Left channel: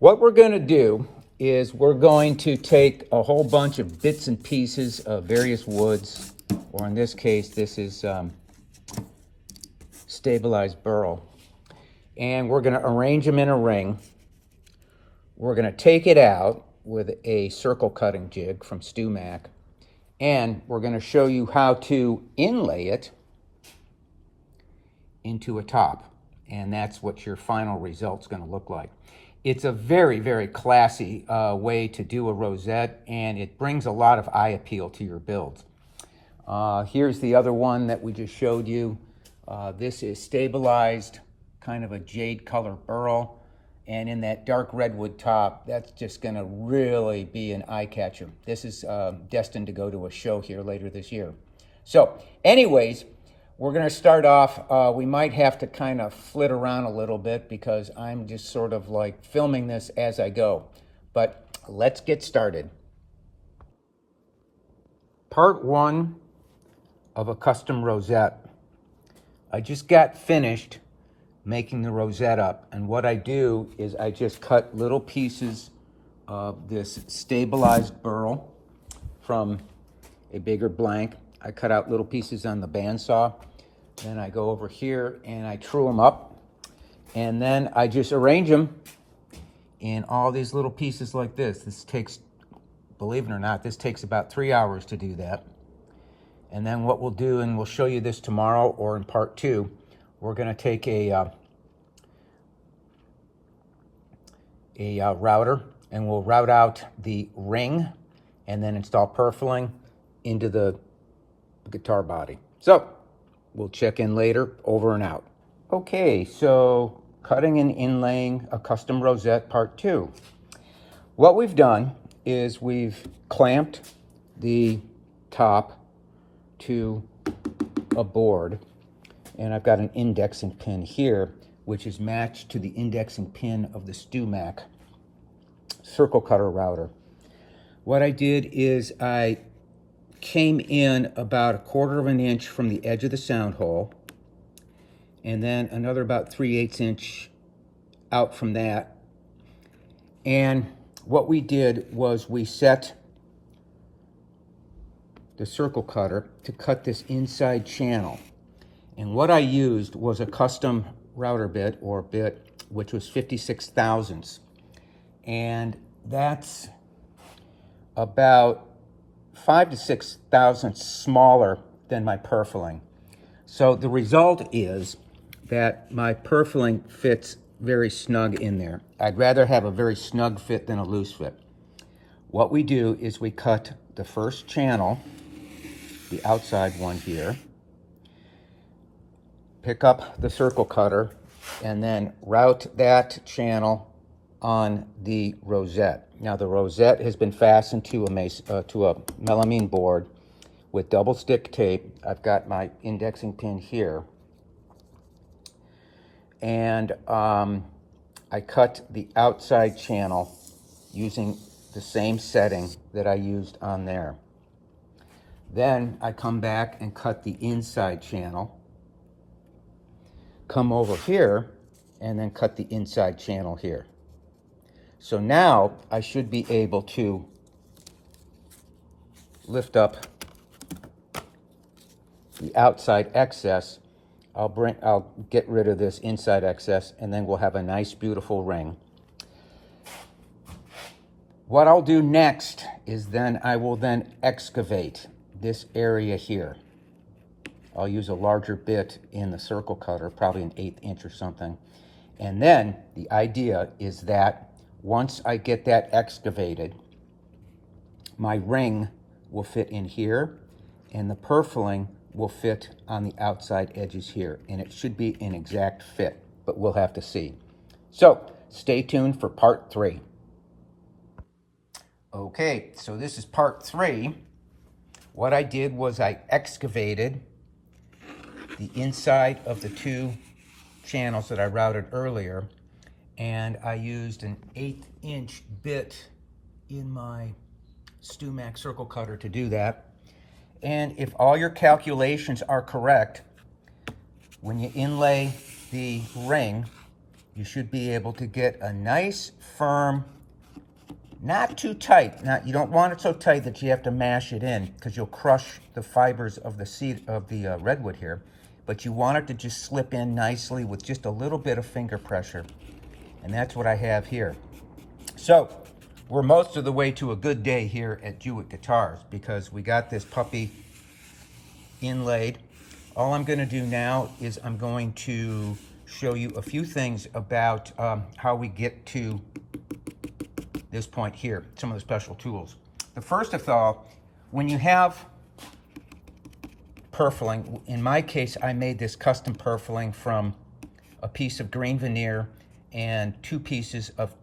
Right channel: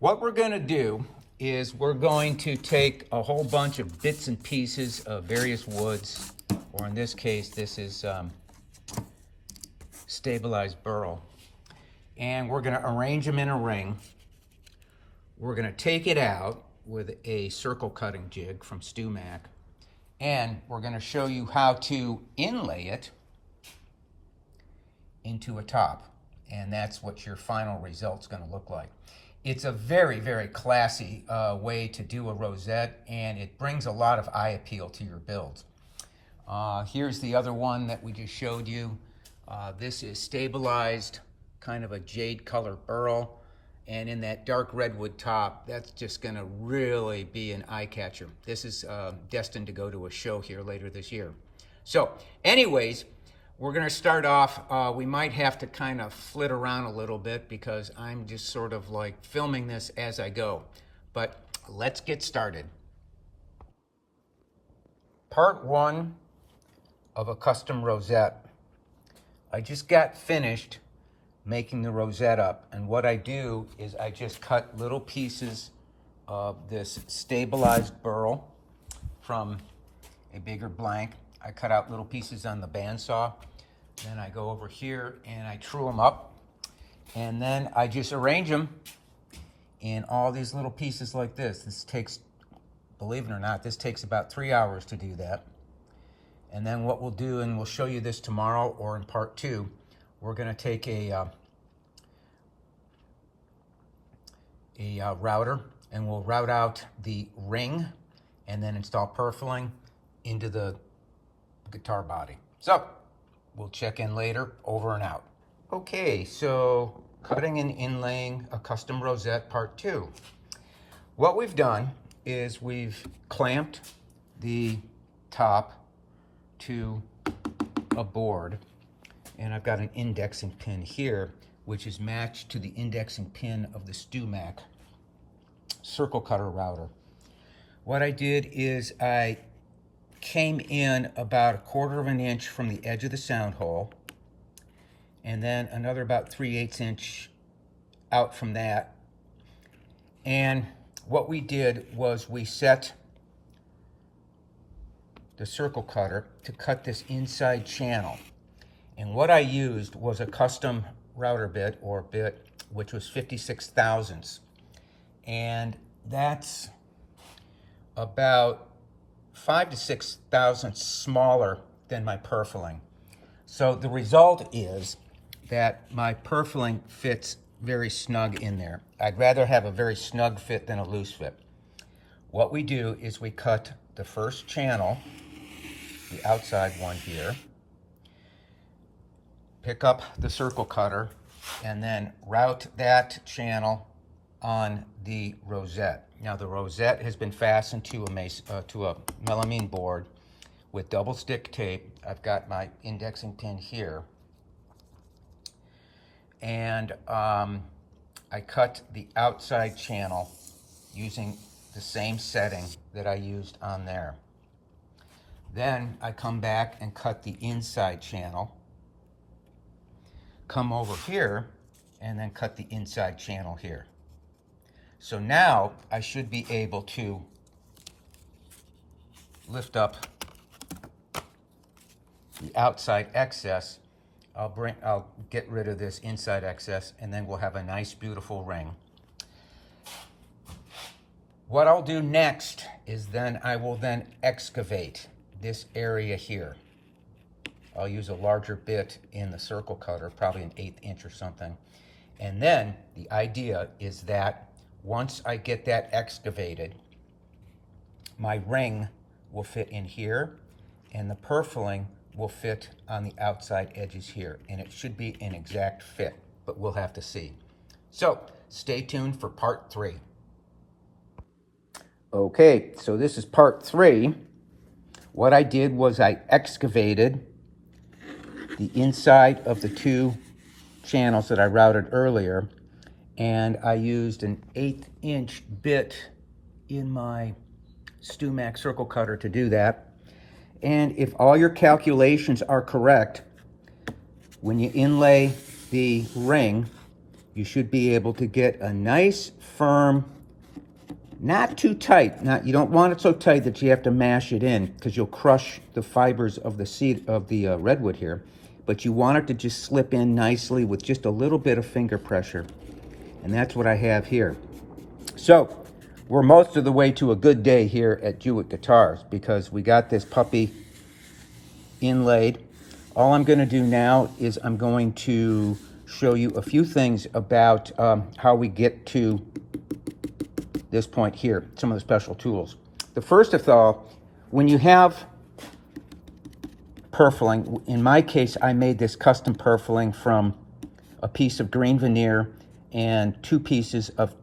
What we're going to do is we're going to take a whole bunch of bits and pieces of various woods, or in this case, this is stabilized burl, and we're going to arrange them in a ring. We're going to take it out with a circle cutting jig from StewMac, and we're going to show you how to inlay it into a top, and that's what your final result's going to look like. It's a very, very classy way to do a rosette, and it brings a lot of eye appeal to your builds. Here's the other one that we just showed you. This is stabilized, kind of a jade color burl, and in that dark redwood top, that's just going to really be an eye catcher. This is destined to go to a show here later this year. So anyways, we're going to start off. We might have to kind of flit around a little bit because I'm just sort of like filming this as I go. But let's get started. Part one of a custom rosette. I just got finished making the rosette up, and what I do is I just cut little pieces of this stabilized burl from a bigger blank. I cut out little pieces on the bandsaw, then I go over here and I true them up, and then I just arrange them in all these little pieces like this. This takes, believe it or not, this takes about 3 hours to do that. And then what we'll do, and we'll show you this tomorrow or in part two, we're going to take a router, and we'll route out the ring and then install purfling into the guitar body. So we'll check in later. Over and out. Okay, so cutting and inlaying a custom rosette part two. What we've done is we've clamped the top to a board, and I've got an indexing pin here which is matched to the indexing pin of the StewMac circle cutter router. What I did is I came in about 1/4 of an inch from the edge of the sound hole, and then another about 3/8 inch out from that. And what we did was we set the circle cutter to cut this inside channel. And what I used was a custom router bit, or bit, which was 56 thousandths. And that's about 5 to 6 thousandths smaller than my purfling. So the result is that my purfling fits very snug in there. I'd rather have a very snug fit than a loose fit. What we do is we cut the first channel, the outside one here, pick up the circle cutter, and then route that channel on the rosette. Now the rosette has been fastened to a melamine board with double stick tape. I've got my indexing pin here, and I cut the outside channel using the same setting that I used on there. Then I come back and cut the inside channel, come over here, and then cut the inside channel here. So now I should be able to lift up the outside excess. I'll get rid of this inside excess, and then we'll have a nice, beautiful ring. What I'll do next is then I will then excavate this area here. I'll use a larger bit in the circle cutter, probably an 1/8 inch or something. And then the idea is that once I get that excavated, my ring will fit in here, and the purfling will fit on the outside edges here, and it should be an exact fit, but we'll have to see. So stay tuned for part three. Okay, so this is part three. What I did was I excavated the inside of the two channels that I routed earlier, and I used an 1/8 inch bit in my StewMac circle cutter to do that. And if all your calculations are correct, when you inlay the ring, you should be able to get a nice, firm, not too tight. You don't want it so tight that you have to mash it in because you'll crush the fibers of the seed of the redwood here. But you want it to just slip in nicely with just a little bit of finger pressure. And that's what I have here. So we're most of the way to a good day here at Jewitt Guitars because we got this puppy inlaid. All I'm going to do now is I'm going to show you a few things about how we get to this point here, some of the special tools. The first of all, when you have purfling, in my case, I made this custom purfling from a piece of green veneer and 2 pieces of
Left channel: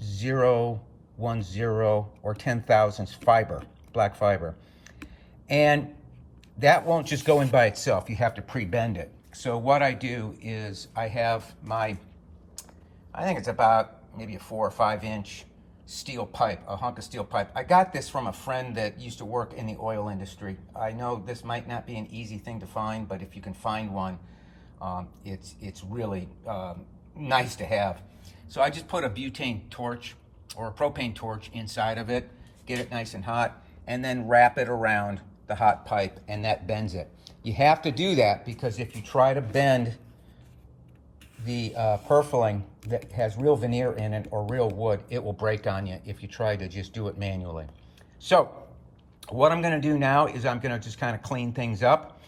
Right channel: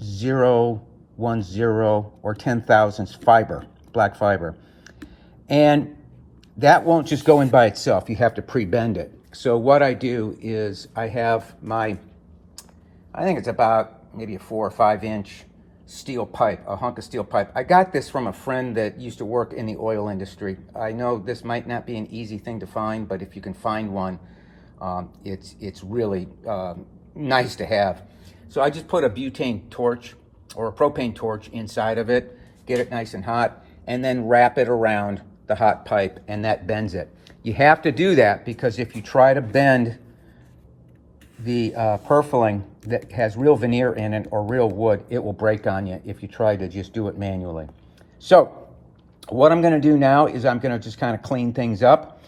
010 or 10,000ths fiber, black fiber. And that won't just go in by itself. You have to pre-bend it. So what I do is I have my, I think it's about maybe a 4 or 5 inch steel pipe, a hunk of steel pipe. I got this from a friend that used to work in the oil industry. I know this might not be an easy thing to find, but if you can find one, it's really nice to have. So I just put a butane torch or a propane torch inside of it, get it nice and hot, and then wrap it around the hot pipe, and that bends it. You have to do that because if you try to bend the purfling that has real veneer in it or real wood, it will break on you if you try to just do it manually. So what I'm going to do now is I'm going to just kind of clean things up,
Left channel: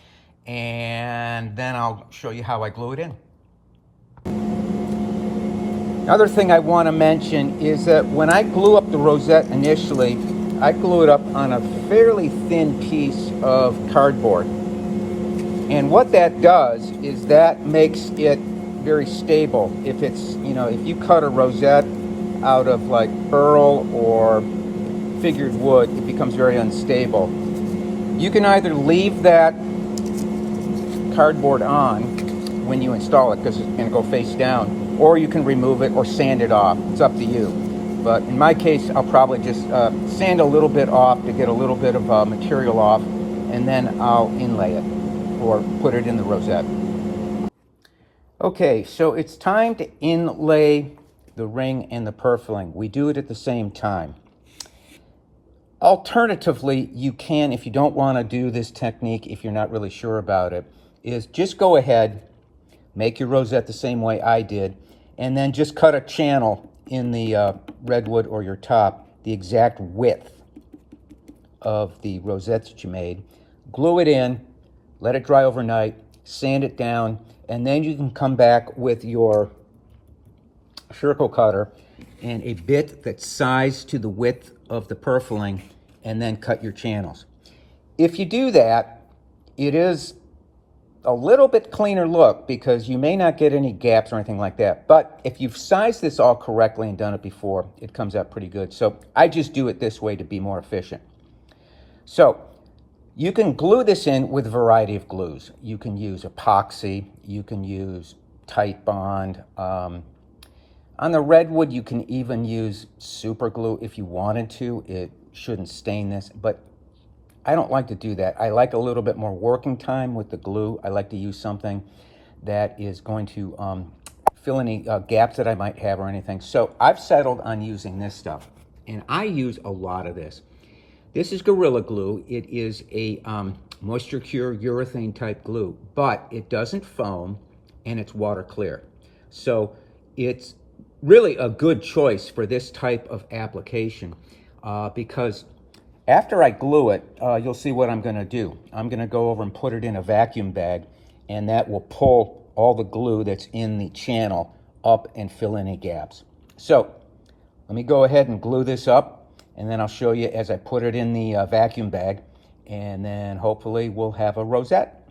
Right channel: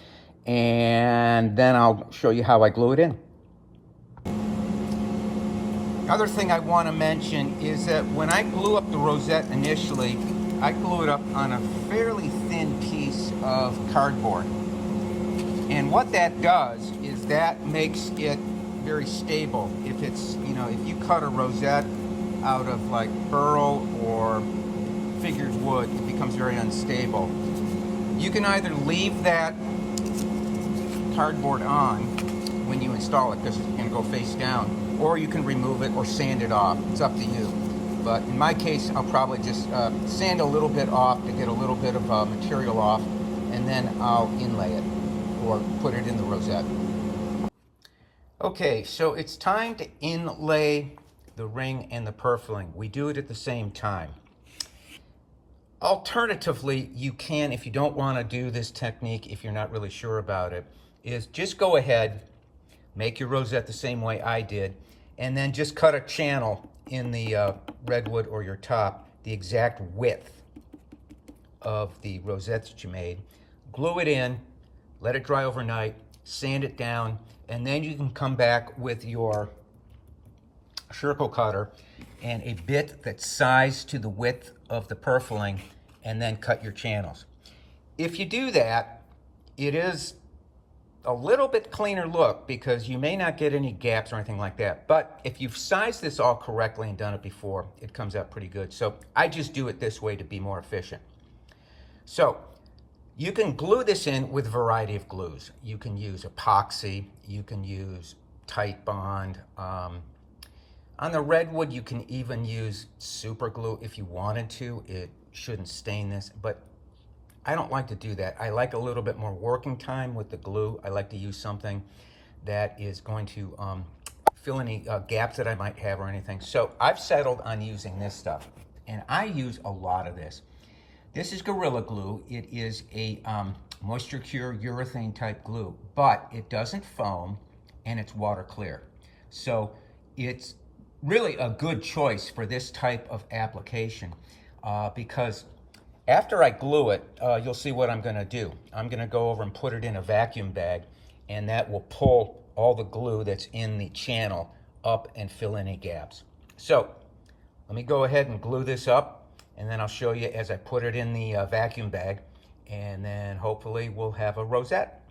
and then I'll show you how I glue it in. Another thing I want to mention is that when I glue up the rosette initially, I glue it up on a fairly thin piece of cardboard. And what that does is that makes it very stable. If it's, if you cut a rosette out of like burl or figured wood, it becomes very unstable. You can either leave that cardboard on when you install it because it's going to go face down, or you can remove it or sand it off. It's up to you. But in my case, I'll probably just sand a little bit off to get a little bit of material off, and then I'll inlay it or put it in the rosette. Okay, so it's time to inlay the ring and the purfling. We do it at the same time. Alternatively, you can, if you don't want to do this technique, if you're not really sure about it, is just go ahead, make your rosette the same way I did, and then just cut a channel in the redwood or your top, the exact width of the rosette that you made. Glue it in, let it dry overnight, sand it down, and then you can come back with your circle cutter and a bit that's sized to the width of the purfling, and then cut your channels. If you do that, it is a little bit cleaner look because you may not get any gaps or anything like that. But if you've sized this all correctly and done it before, it comes out pretty good. So I just do it this way to be more efficient. So you can glue this in with a variety of glues. You can use epoxy, you can use tight bond. On the redwood, you can even use super glue if you wanted to. It shouldn't stain this, but I don't like to do that. I like a little bit more working time with the glue. I like to use something that is going to fill any gaps that I might have or anything. So I've settled on using this stuff, and I use a lot of this. This is Gorilla Glue. It is a moisture cure urethane type glue, but it doesn't foam and it's water clear. So it's really a good choice for this type of application because after I glue it, you'll see what I'm going to do. I'm going to go over and put it in a vacuum bag, and that will pull all the glue that's in the channel up and fill any gaps. So let me go ahead and glue this up, and then I'll show you as I put it in the vacuum bag, and then hopefully we'll have a rosette.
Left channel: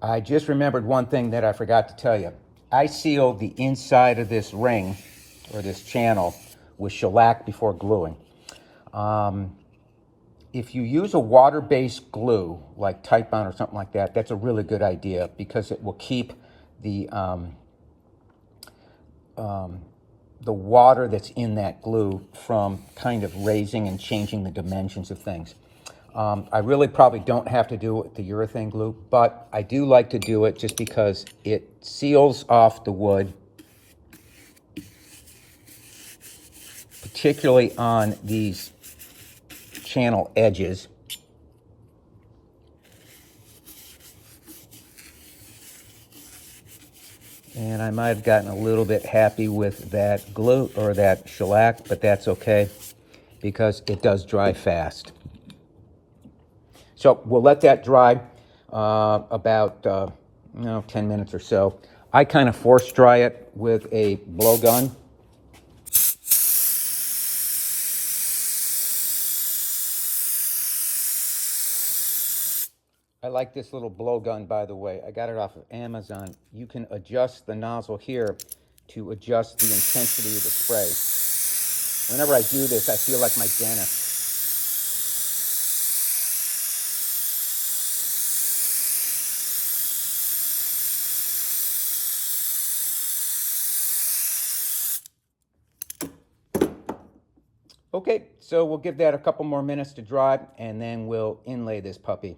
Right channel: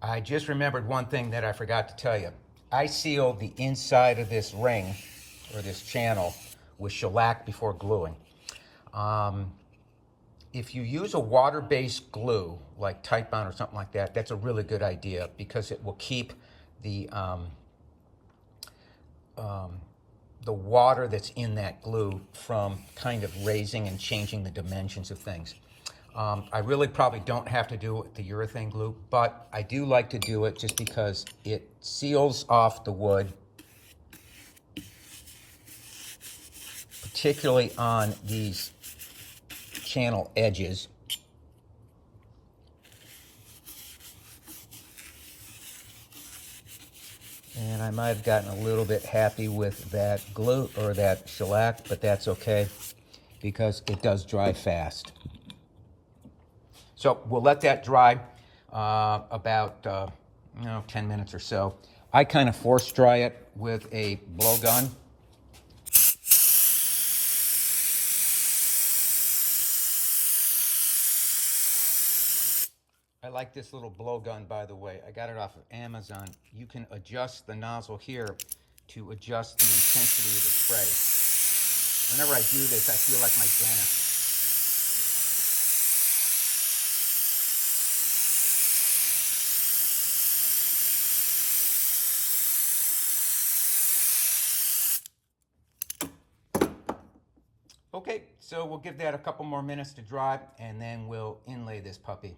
I just remembered one thing that I forgot to tell you. I sealed the inside of this ring, or this channel, with shellac before gluing. If you use a water-based glue, like Tight Bond or something like that, that's a really good idea because it will keep the water that's in that glue from kind of raising and changing the dimensions of things. I really probably don't have to do it with the urethane glue, but I do like to do it just because it seals off the wood, particularly on these channel edges. And I might have gotten a little bit happy with that glue or that shellac, but that's okay because it does dry fast. So we'll let that dry about 10 minutes or so. I kind of force dry it with a blowgun. I like this little blowgun, by the way. I got it off of Amazon. You can adjust the nozzle here to adjust the intensity of the spray. Whenever I do this, I feel like my dentist. Okay, so we'll give that a couple more minutes to dry, and then we'll inlay this puppy.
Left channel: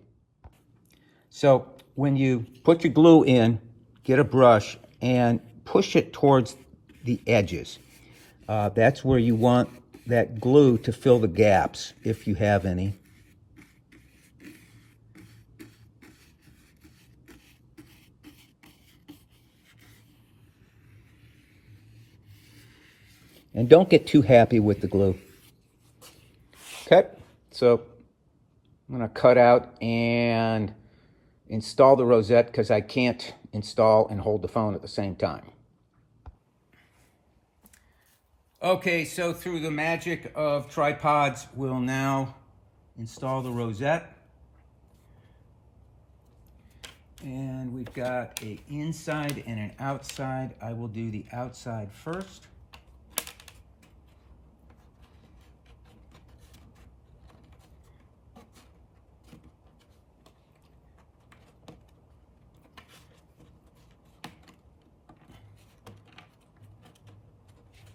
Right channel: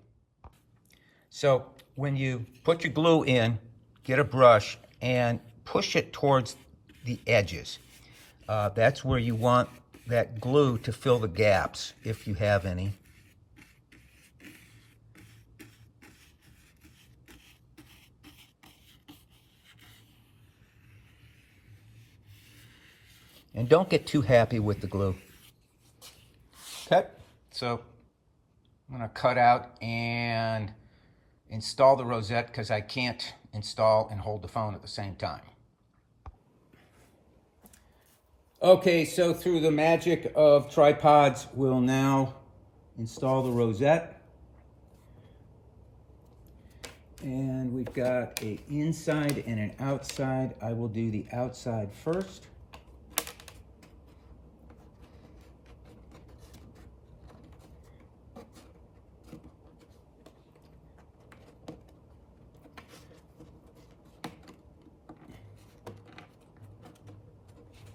So when you put your glue in, get a brush and push it towards the edges. That's where you want that glue to fill the gaps, if you have any. And don't get too happy with the glue. Okay, so I'm going to cut out and install the rosette because I can't install and hold the phone at the same time. Okay, so through the magic of tripods, we'll now install the rosette. And we've got an inside and an outside. I will do the outside first.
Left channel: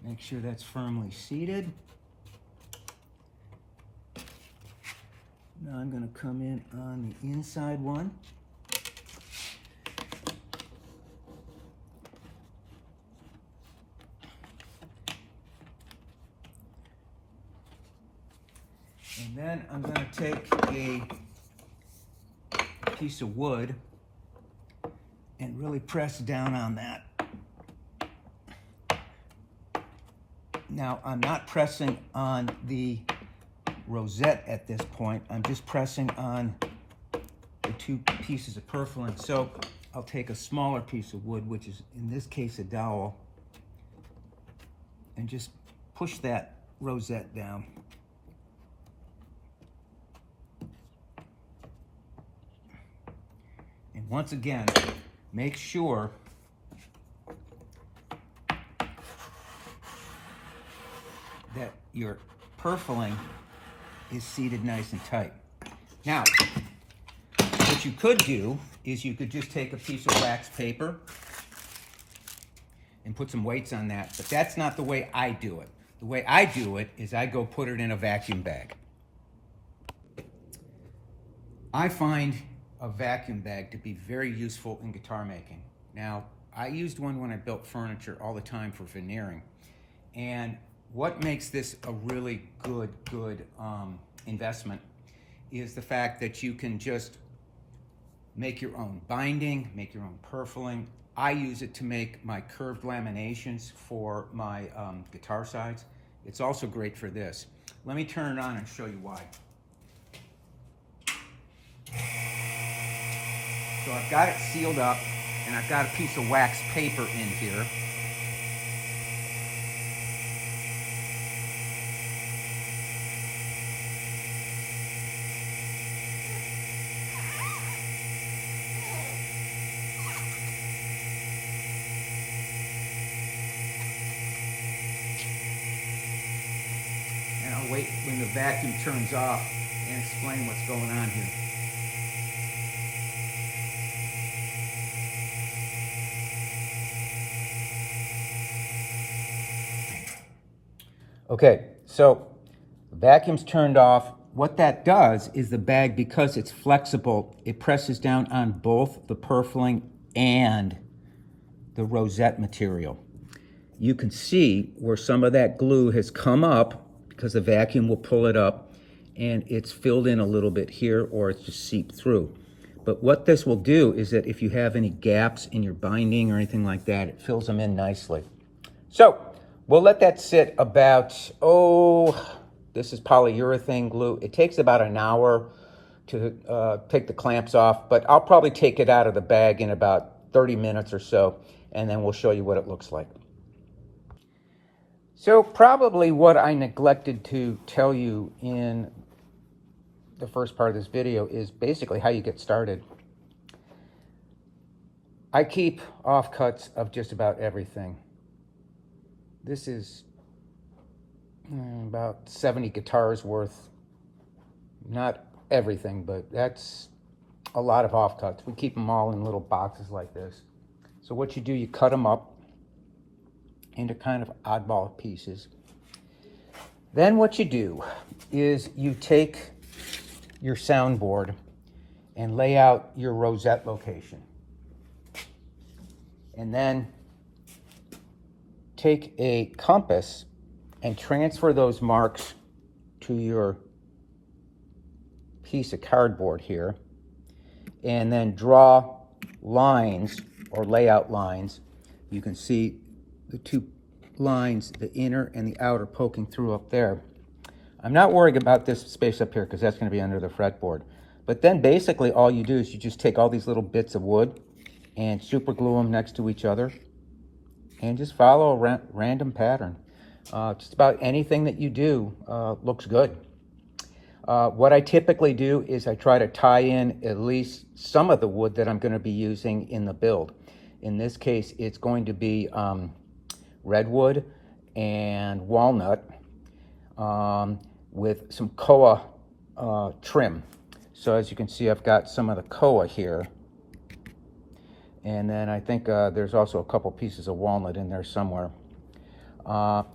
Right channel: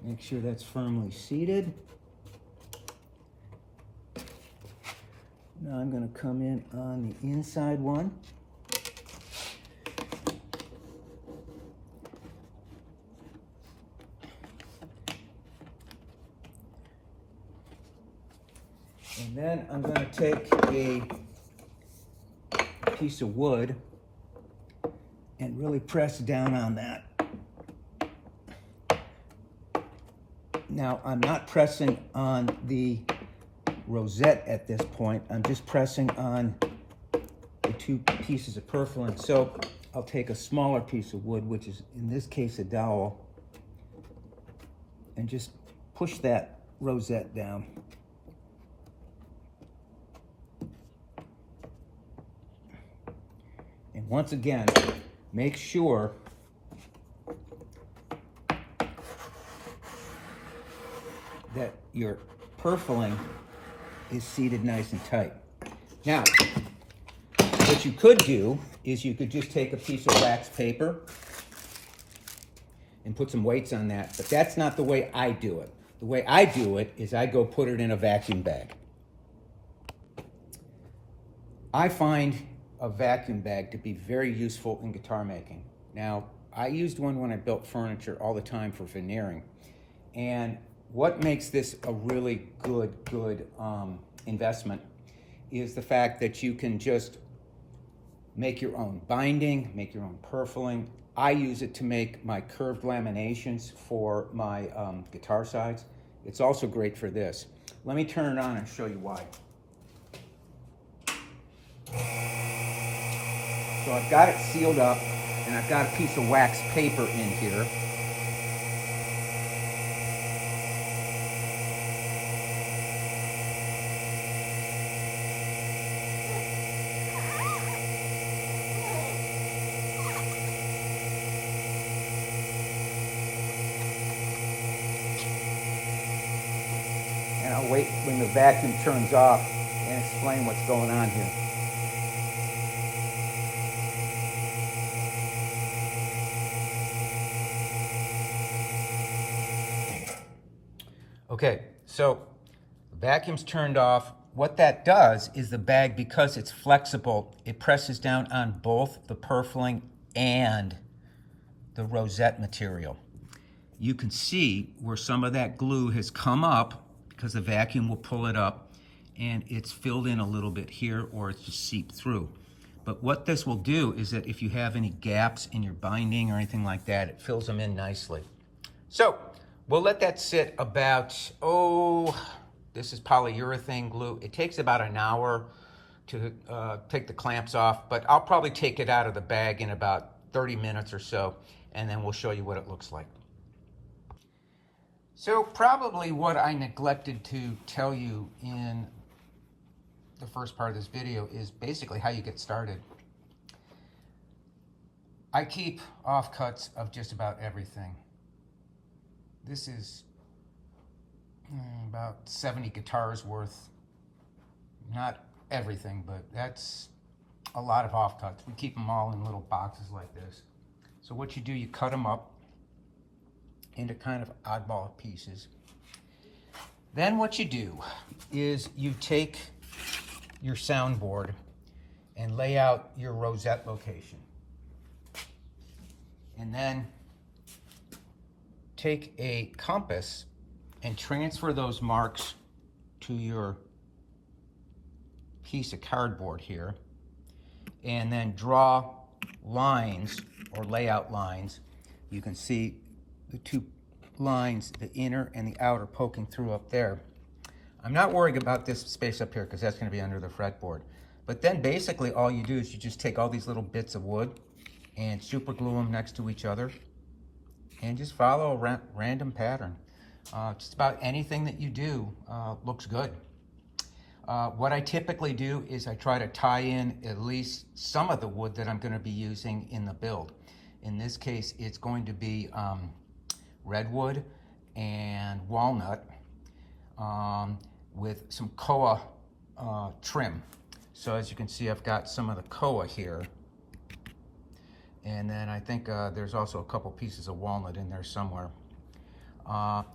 Make sure that's firmly seated. Now I'm going to come in on the inside one. And then I'm going to take a piece of wood and really press down on that. Now, I'm not pressing on the rosette at this point. I'm just pressing on the two pieces of purfling. So I'll take a smaller piece of wood, which is in this case a dowel, and just push that rosette down. And once again, make sure that your purfling is seated nice and tight. Now, what you could do is you could just take a piece of wax paper and put some weights on that, but that's not the way I do it. The way I do it is I go put it in a vacuum bag. I find a vacuum bag to be very useful in guitar making. Now, I used one when I built furniture all the time for veneering, and what makes this a really good investment is the fact that you can just make your own binding, make your own purfling. I use it to make my curved laminations for my guitar sides. It's also great for this. Let me turn it on and show you why. So I've got it sealed up, and I've got a piece of wax paper in here. And I'll wait when the vacuum turns off and explain what's going on here. Okay, so the vacuum's turned off. what that does is the bag, because it's flexible, it presses down on both the purfling and the rosette material. You can see where some of that glue has come up because the vacuum will pull it up, and it's filled in a little bit here, or it's just seeped through. But what this will do is that if you have any gaps in your binding or anything like that, it fills them in nicely. So we'll let that sit about, this is polyurethane glue. It takes about an hour to take the clamps off, but I'll probably take it out of the bag in about 30 minutes or so, and then we'll show you what it looks like. So probably what I neglected to tell you in the first part of this video is basically how you get started. I keep offcuts of just about everything. This is about 70 guitars worth. Not everything, but that's a lot of offcuts. We keep them all in little boxes like this. So what you do, you cut them up into kind of oddball pieces. Then what you do is you take your soundboard and lay out your rosette location. And then take a compass and transfer those marks to your piece of cardboard here, and then draw lines or layout lines. You can see the two lines, the inner and the outer, poking through up there. I'm not worried about this space up here because that's going to be under the fretboard. But then basically all you do is you just take all these little bits of wood and super glue them next to each other and just follow a random pattern. Just about anything that you do looks good. What I typically do is I try to tie in at least some of the wood that I'm going to be using in the build. In this case, it's going to be redwood and walnut with some koa trim. So as you can see, I've got some of the koa here. And then I think there's also a couple pieces of walnut in there somewhere.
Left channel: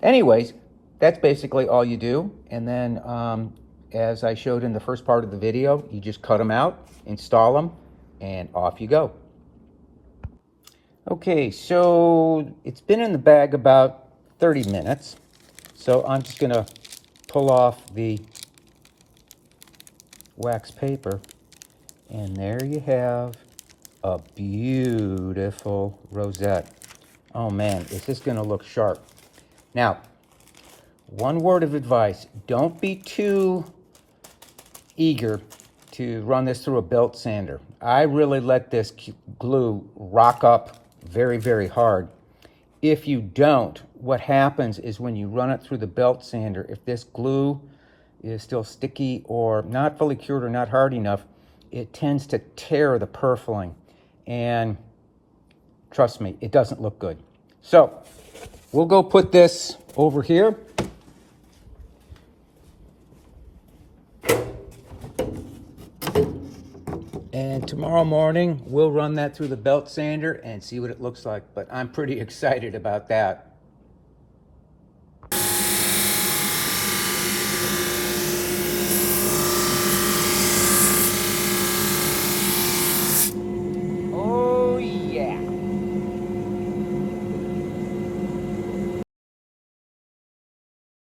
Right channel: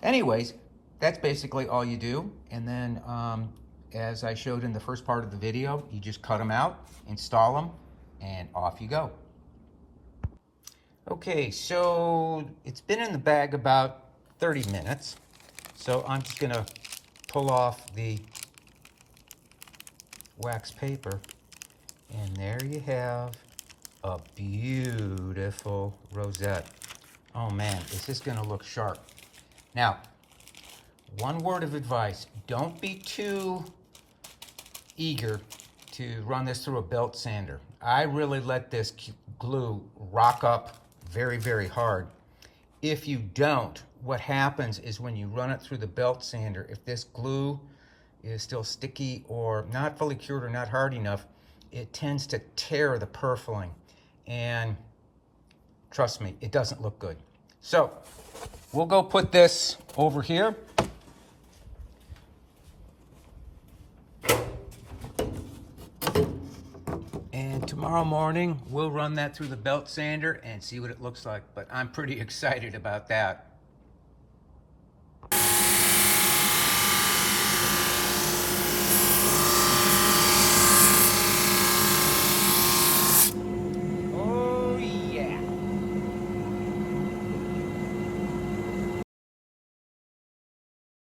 Anyways, that's basically all you do. And then as I showed in the first part of the video, you just cut them out, install them, and off you go. Okay, so it's been in the bag about 30 minutes. So I'm just gonna pull off the wax paper, and there you have a beautiful rosette. Oh man, is this gonna look sharp. Now, one word of advice, don't be too eager to run this through a belt sander. I really let this glue rock up very, very hard. If you don't, what happens is when you run it through the belt sander, if this glue is still sticky or not fully cured or not hard enough, it tends to tear the purfling. And trust me, it doesn't look good. So we'll go put this over here. And tomorrow morning, we'll run that through the belt sander and see what it looks like. But I'm pretty excited about that.